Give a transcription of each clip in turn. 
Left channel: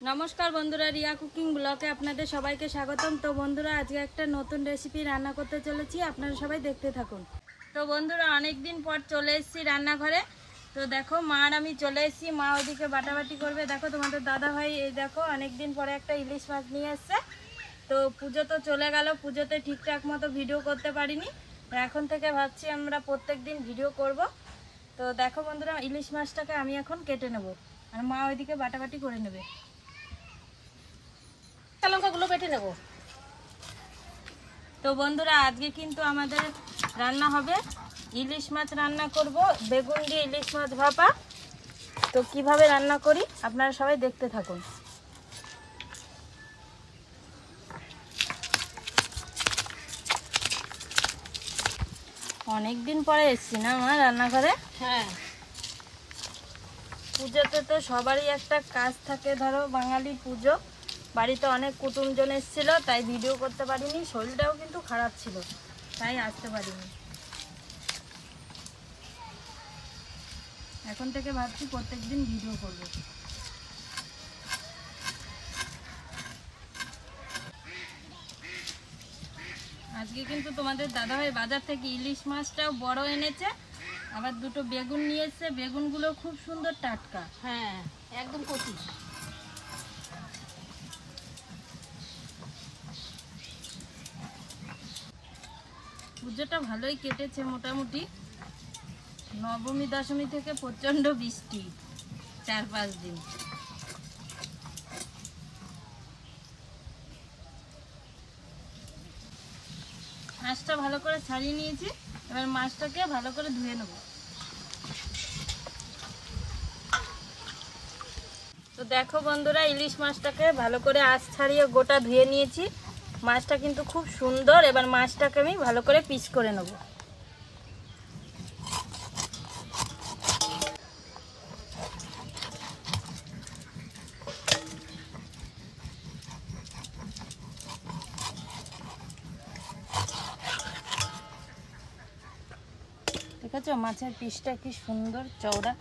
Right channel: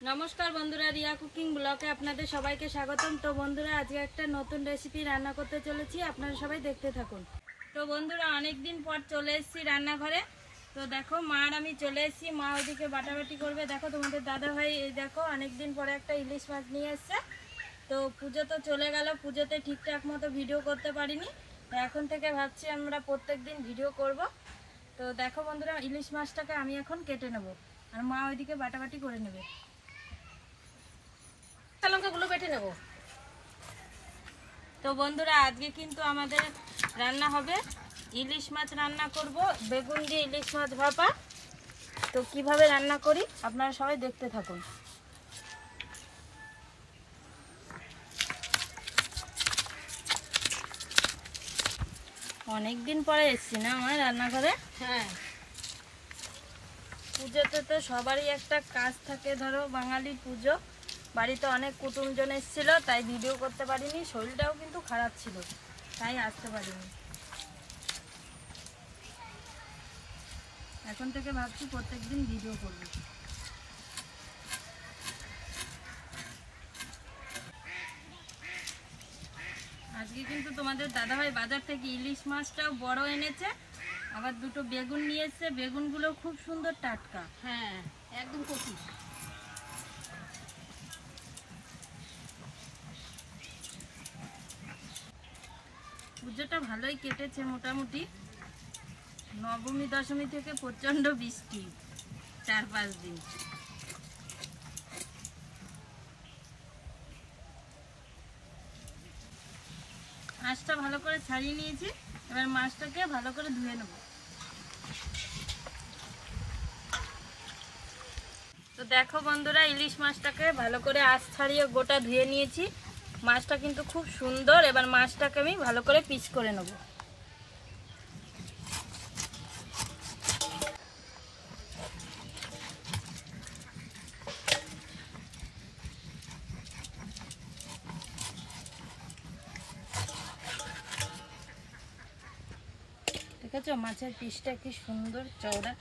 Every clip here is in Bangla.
नमस्कार बंधुरा रिया कुकिंग ब्लगे आपनादेर सबाइके स्वागतम। तो बंधुरा आज एक नतून रेसिपि रान्ना करते चलेछि, आपनारा सबाई देखते थाकुन। तो बंधुरा अनेक दिन पर चले एसेछि रान्नाघरे। तो देखो मार आमी चले एसेछि, मा ओइदिके बाटाबाटी करबे। देखो तोमादेर दादा भाई এই দেখো अनेक दिन पर একটা ইলিশ মাছ নিয়ে এসেছে। তো পুজো তো চলে গেল, পুজোতে ঠিকঠাক মতো ভিডিও করতে পারিনি। এখন থেকে ভাবছি আমরা প্রত্যেক দিন ভিডিও করব। তো দেখো বন্ধুরা ইলিশ মাছটাকে আমি এখন কেটে নেব আর মা ওইদিকে বাটাবাটি করে নেবে। লঙ্কাগুলো বেটে নেব। তো বন্ধুরা আজকে কিন্তু আমাদের রান্না হবে ইলিশ মাছ রান্না করব, বেগুন দিয়ে ইলিশ মাছ ভাপা। তো কিভাবে রান্না করি আপনারা সবাই দেখতে থাকুন। অনেক দিন পরে এসেছি না মা রান্নাঘরে। হ্যাঁ, পুজোতে তো সবারই একটা কাজ থাকে, ধরো বাঙালির পুজো, বাড়িতে অনেক কুটুমজন এসেছিল, তাই ভিডিও করতে পারিনি। শরীরটাও কিন্তু খারাপ ছিল, তাই আসতে পারিনি। এখন থেকে ভাবছি প্রত্যেকদিন ভিডিও করব। আজকে কিন্তু তোমাদের দাদাভাই বাজার থেকে ইলিশ মাছটাও বড় এনেছে, আবার দুটো বেগুন নিয়ে এসেছে। বেগুনগুলো খুব সুন্দর টাটকা। হ্যাঁ, একদম কচি। পুজোটা ভালোই কেটেছে মোটামুটি। নবমী দশমী থেকে প্রচন্ড বৃষ্টি, 4-5 দিন। মাছটা ভালো করে ছাড়িয়ে নিয়েছি, এবার মাছটাকে ভালো করে ধুয়ে নেব। তো দেখো বন্ধুরা ইলিশ মাছটাকে ভালো করে আঁশ ছাড়িয়ে গোটা ধুয়ে নিয়েছি। মাছটা কিন্তু খুব সুন্দর। এবার মাছটাকে আমি ভালো করে পিস করে নেব। দেখেছো মাছের পিসটা কি সুন্দর চওড়া।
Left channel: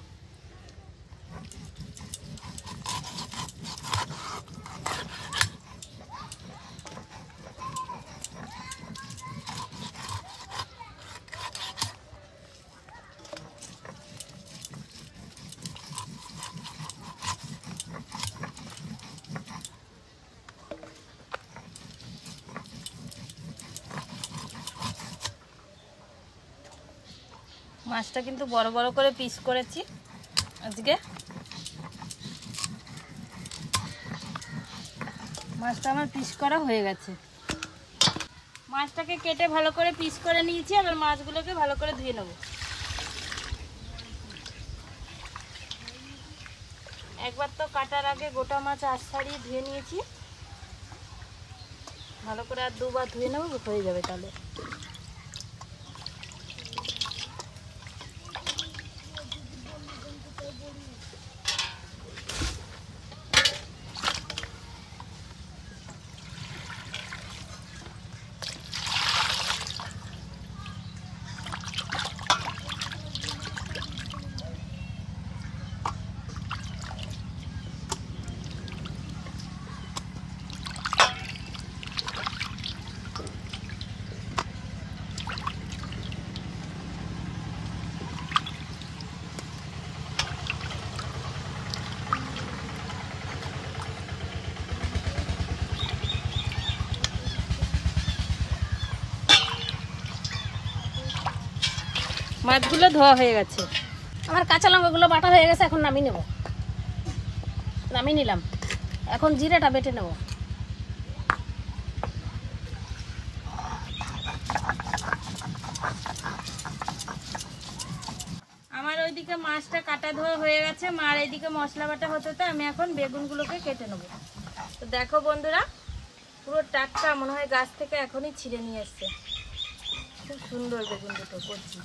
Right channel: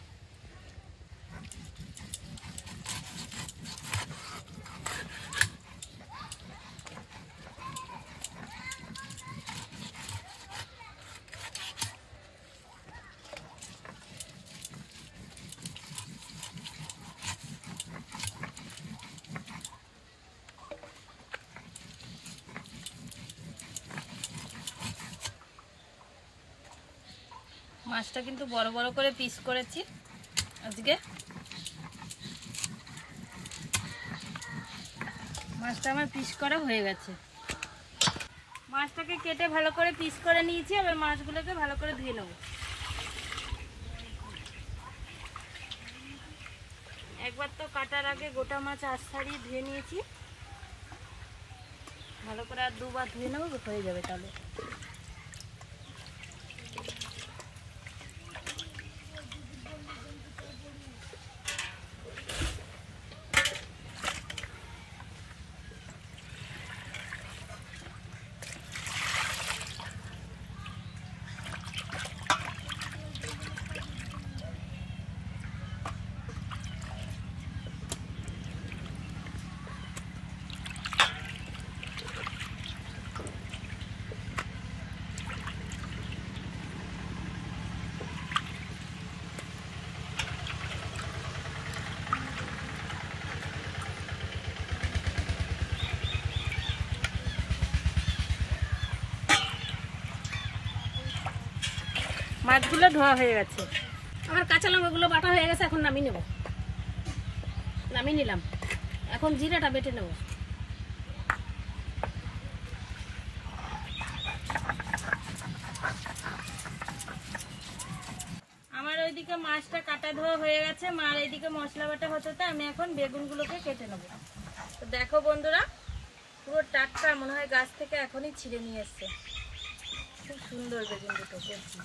মাছটা কিন্তু বড় বড় করে পিস করেছি আজকে। মাছটা আমার পিস করা হয়ে গেছে। মাছটাকে কেটে ভালো করে পিস করে নিয়েছি, এবার মাছগুলোকে ভালো করে ধুয়ে নেব। একবার তো কাটার আগে গোটা মাছ আঁশ ছাড়িয়ে ধুয়ে নিয়েছি, ভালো করে আর দুবার ধুয়ে নেব, হয়ে যাবে তাহলে। মাছগুলো ধোয়া হয়ে গেছে, আমার কাঁচা লঙ্কাগুলো বাটা হয়ে গেছে। এখন নামিয়ে নেব। নামিয়ে নিলাম, এখন জিরাটা বেটে নেব। আমার ওইদিকে মাছটা কাটা ধোয়া হয়ে গেছে, মার এইদিকে মশলা বাটা হতে আমি এখন বেগুনগুলোকে কেটে নেব। তো দেখো বন্ধুরা পুরো টাটকা, মনে হয় গাছ থেকে এখনই ছিঁড়ে নিয়ে এসছে। খুব সুন্দর বেগুন দুটো করছি।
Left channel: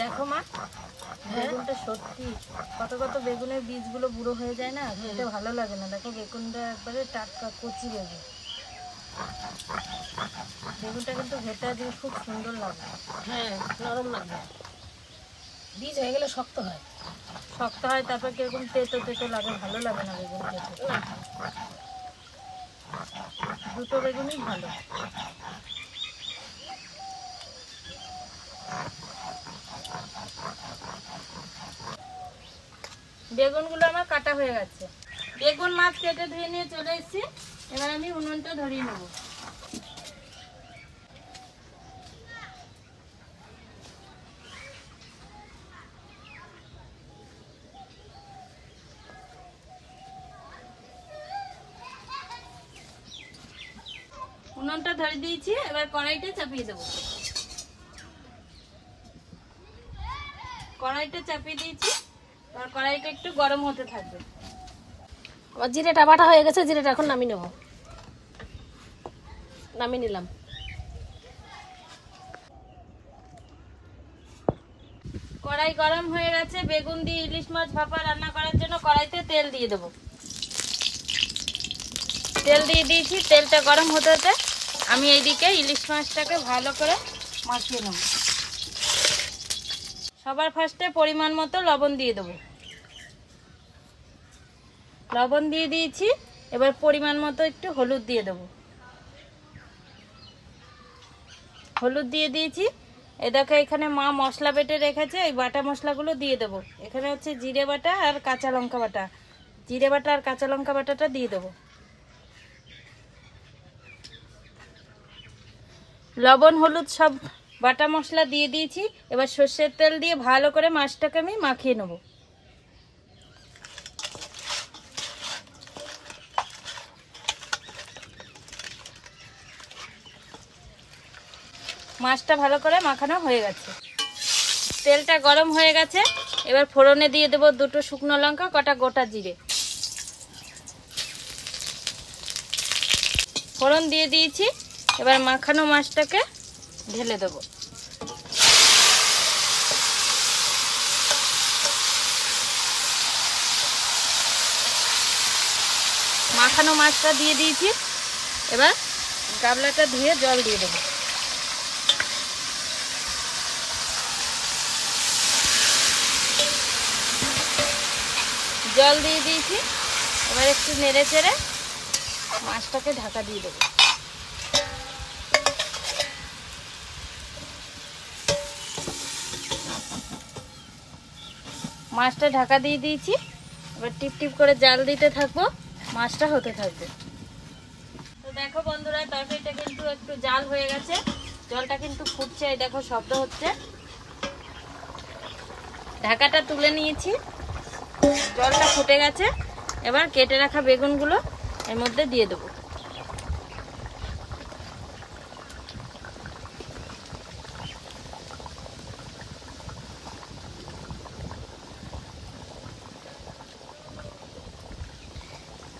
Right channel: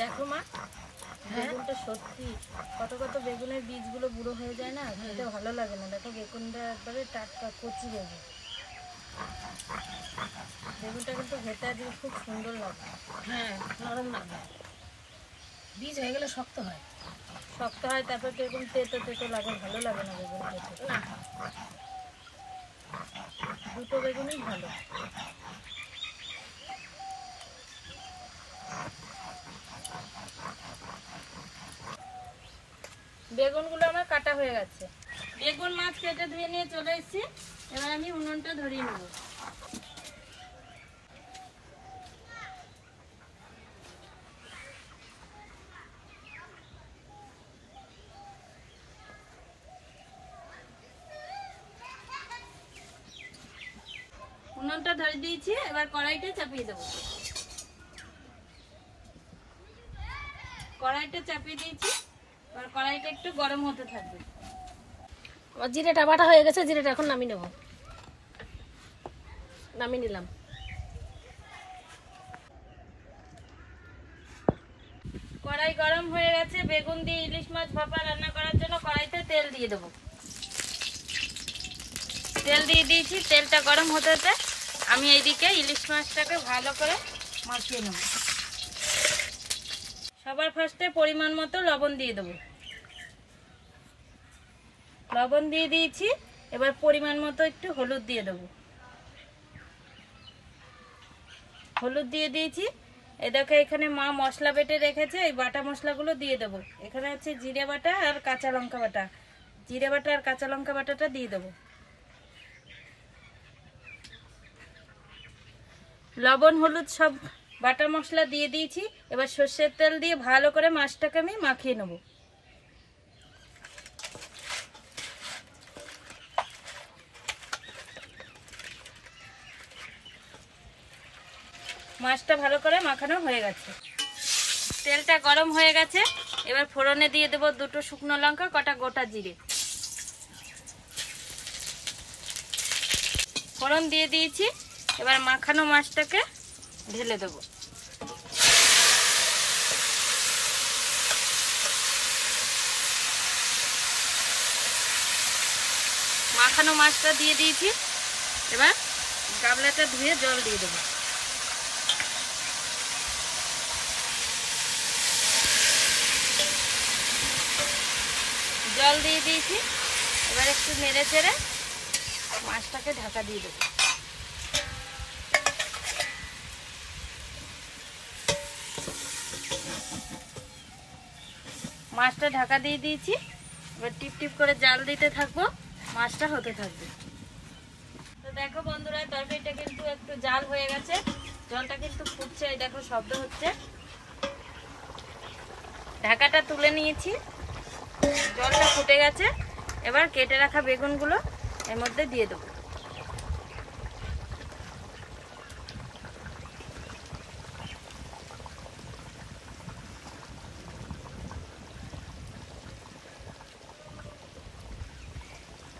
দেখো মা বেগুনটা বেগুনটা সত্যি কত কত বেগুনের বীজগুলো বুড়ো হয়ে যায় না, খেতে ভালো লাগে না। দেখো বেগুনটা একবারে টাটকা কচি বেগুন। বেগুনটা কিন্তু ভেতর দিয়ে খুব সুন্দর লাগে। হ্যাঁ, নরম লাগবে। বীজ হয়ে গেলে শক্ত হয়। শক্ত হয়, তারপর কিরকম তেতো তেতো লাগে, ভালো লাগে না বেগুন খেতে। দুটো বেগুনই ভালো। বেগুনগুলো আমার কাটা হয়ে গেছে। বেগুন মাছ কেটে ধুয়ে নিয়ে চলে এসেছি। এবার আমি উনুনটা ধরিয়ে নেব। উনুনটা ধরে দিয়েছি, এবার কড়াইটা চাপিয়ে দেবো। কড়াইটা চাপিয়ে দিয়েছি, এবার কড়াইটা একটু গরম হতে থাকবে। আমার জিরেটা বাটা হয়ে গেছে, জিরেটা এখন নামিয়ে নেব। নামিয়ে নিলাম। কড়াই গরম হয়ে গেছে। বেগুন দিয়ে ইলিশ মাছ ভাপা রান্না করার জন্য কড়াইতে তেল দিয়ে দেবো। তেল দিয়ে দিয়েছি, তেলটা গরম হতে হতে আমি এইদিকে ইলিশ মাছটাকে ভালো করে মাখিয়ে নেব। সবার ফার্স্টে পরিমাণ মতো লবণ দিয়ে দেবো। লবণ দিয়ে দিয়েছি, এবার পরিমাণ মতো একটু হলুদ দিয়ে দেবো। হলুদ দিয়ে দিয়েছি। এই দেখো এখানে মা মশলা বেটে রেখেছে, এই বাটা মশলাগুলো দিয়ে দেবো। এখানে হচ্ছে জিরে বাটা আর কাঁচা লঙ্কা বাটা। জিরে বাটা আর কাঁচা লঙ্কা বাটাটা দিয়ে দেবো। লবণ হলুদ সব বাটা মশলা দিয়ে দিয়েছি। এবার সর্ষের তেল দিয়ে ভালো করে মাছটাকে আমি মাখিয়ে নেব। মাছটা ভালো করে মাখানো হয়ে গেছে। তেলটা গরম হয়ে গেছে। এবার ফোড়নে দিয়ে দেবো দুটো শুকনো লঙ্কা, কটা গোটা জিরে। ফোড়ন দিয়ে দিয়েছি। এবার মাখানো মাছটাকে ঢেলে দেবো। মাখানো মাছটা দিয়ে দিয়েছি। এবার গামলাটা ধুয়ে জল দিয়ে দেবো। জল দিয়ে দিয়েছি। এবার একটু নেড়ে চেড়ে মাছটাকে ঢাকা দিয়ে দেবো। মাছটা ঢাকা দিয়ে দিয়েছি। এবার টিপ টিপ করে জাল দিতে থাকবো, মাছটা হতে থাকবে। তো দেখো বন্ধুরা, তরকারিটা কিন্তু একটু জাল হয়ে গেছে, জলটা কিন্তু ফুটছে। এই দেখো শব্দ হচ্ছে। ঢাকাটা তুলে নিয়েছি, জলটা ফুটে গেছে। এবার কেটে রাখা বেগুনগুলো এর মধ্যে দিয়ে দেবো।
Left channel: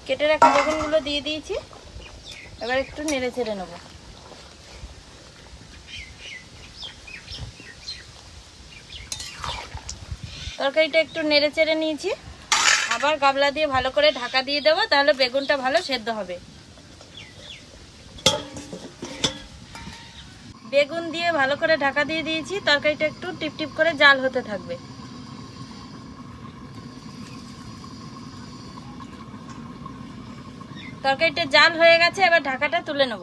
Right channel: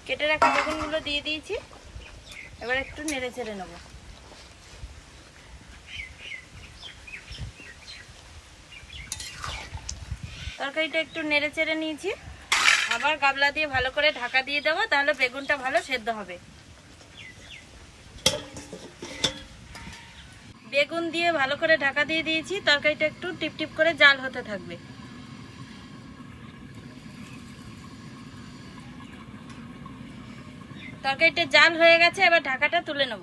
কেটে রাখা বেগুনগুলো দিয়ে দিয়েছি। এবার একটু নেড়ে চেড়ে নেবো। তরকারিটা একটু নেড়ে চেড়ে নিয়েছি। আবার গামলা দিয়ে ভালো করে ঢাকা দিয়ে দেবো, তাহলে বেগুনটা ভালো সেদ্ধ হবে। বেগুন দিয়ে ভালো করে ঢাকা দিয়ে দিয়েছি। তরকারিটা একটু টিপ টিপ করে জাল হতে থাকবে। তরকারিটা জাল হয়ে গেছে, এবার ঢাকাটা তুলে নেব।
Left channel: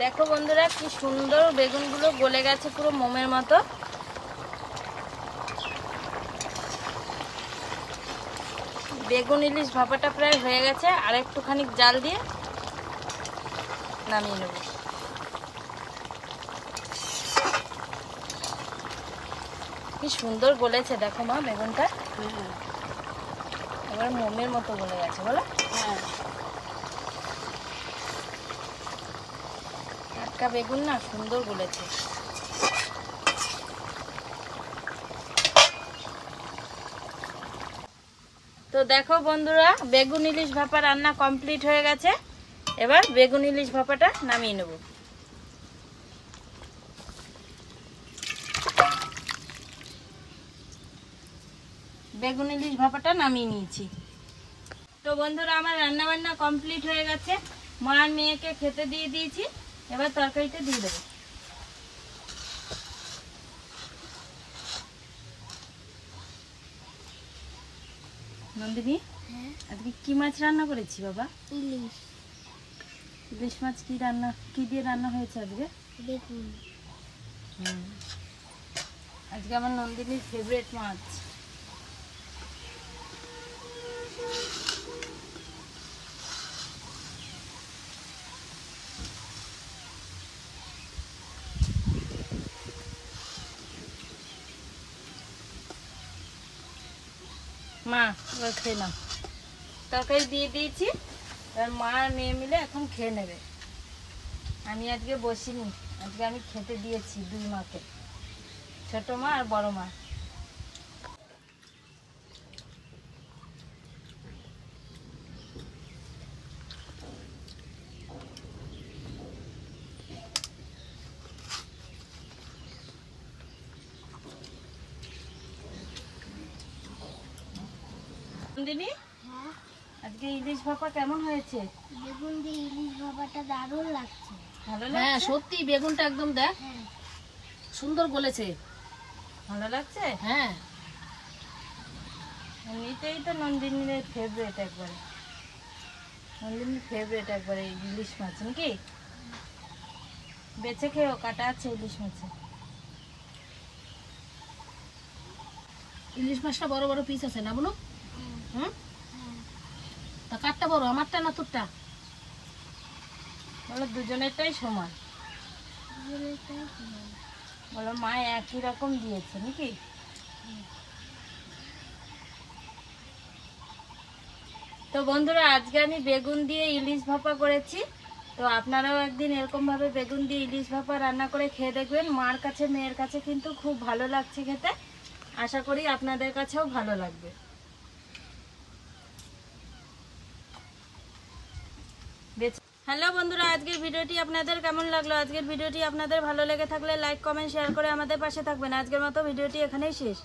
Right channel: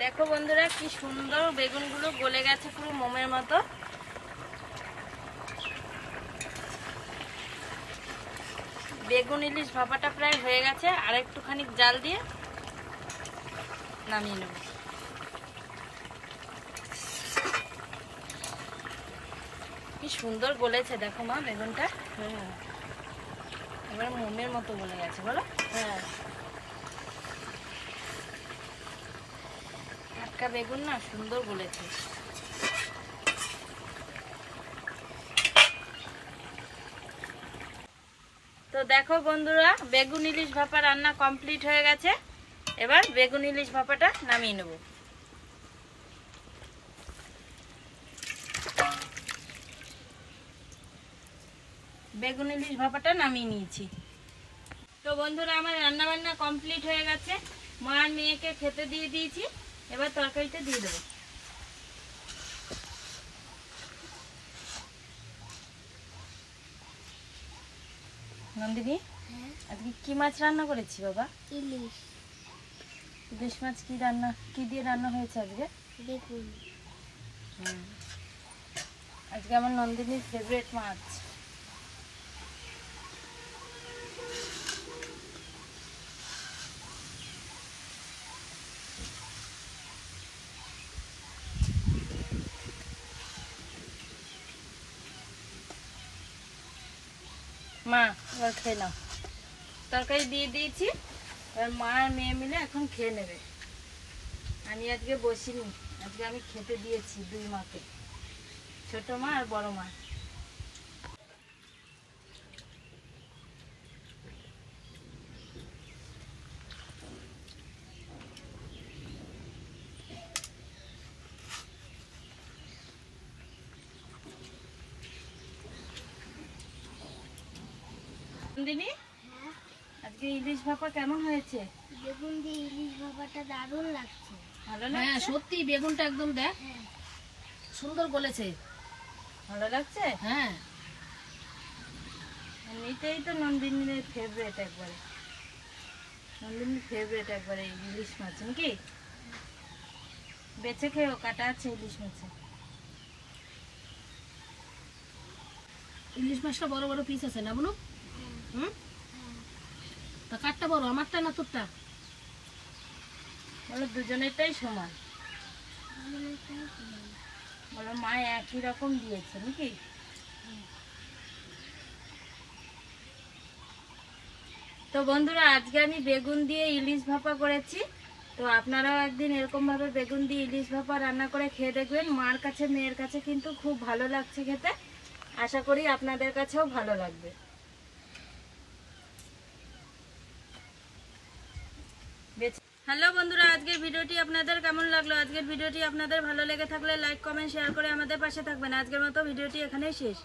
দেখো বন্ধুরা, কি সুন্দর বেগুনগুলো গলে গেছে, পুরো মোমের মতো। বেগুন ইলিশ ভাপাটা প্রায় হয়ে গেছে, আর একটুখানি জাল দিয়ে নামিয়ে নেব। কি সুন্দর গলেছে দেখো মা বেগুনটা। এবার মোমের মতো গলে গেছে, বলো? হ্যাঁ, টাটকা বেগুন না, সুন্দর গলেছে। তো দেখো বন্ধুরা, বেগুন ইলিশ ভাপা রান্না কমপ্লিট হয়ে গেছে। এবার বেগুন ইলিশ ভাপাটা নামিয়ে নেব। বেগুন ইলিশ ভাপাটা নামিয়ে নিয়েছি। তো বন্ধুরা আমার রান্না বান্না কমপ্লিট হয়ে গেছে, মা আর মেয়েকে খেতে দিয়ে দিয়েছি। এবার তরকারিটা দিয়ে দেবো। নন্দিনী, আজকে কি মাছ রান্না করেছি বাবা? ইলিশ। ইলিশ মাছ কি দিয়ে রান্না হয়েছে আজকে? বেগুন। আজকে আমার নন্দিনীর ফেভারিট মাছ। মা এবার খেয়ে নাও। তরকারি দিয়ে দিয়েছি, এবার মা আর মেয়ে মিলে এখন খেয়ে নেবে। আমি আজকে বসিনি, আজকে আমি খেতে দিয়েছি দুই মাকে, ছোট মা আর বড় মা। নন্দিনী, আজকে ইলিশ ভাপা কেমন হয়েছে? বেগুন দিয়ে ইলিশ ভাপাটা দারুণ লাগছে। ভালো হ্যাঁ লাগছে? সত্যি বেগুনটা একদম দেখ সুন্দর গলেছে। ভালো লাগছে? হ্যাঁ এমনিতেই তো নন্দিনীর ফেভারিট একবারে, নন্দিনীর ফেভারিট একবারে ইলিশ মাছ নাকি? বেছে খেয়েও, কাটা আছে ইলিশ মাছে। ইলিশ মাছটা বড় বড় পিস আছে না বলু? হুম, তা কাঠটা বড়, আমারটা না তোরটা? বলো দুজনেরটাই সমান। বলো মা একই রকম দিয়েছে নাকি? তো বন্ধুরা আজকে আমি বেগুন দিয়ে ইলিশ ভাপা করেছি। তো আপনারাও একদিন এরকম ভাবে বেগুন দিয়ে ইলিশ ভাপা রান্না করে খেয়ে দেখবেন। মার কাছে মেয়ের কাছে কিন্তু খুব ভালো লাগছে খেতে, আশা করি আপনাদের কাছেও ভালো লাগবে। হ্যালো বন্ধুরা, আজকের ভিডিওটি আপনাদের কেমন লাগলো? আজকের ভিডিওটি আপনাদের ভালো লেগে থাকলে লাইক কমেন্ট শেয়ার করে আমাদের পাশে থাকবেন। আজকের মতো ভিডিওটি এখানেই শেষ।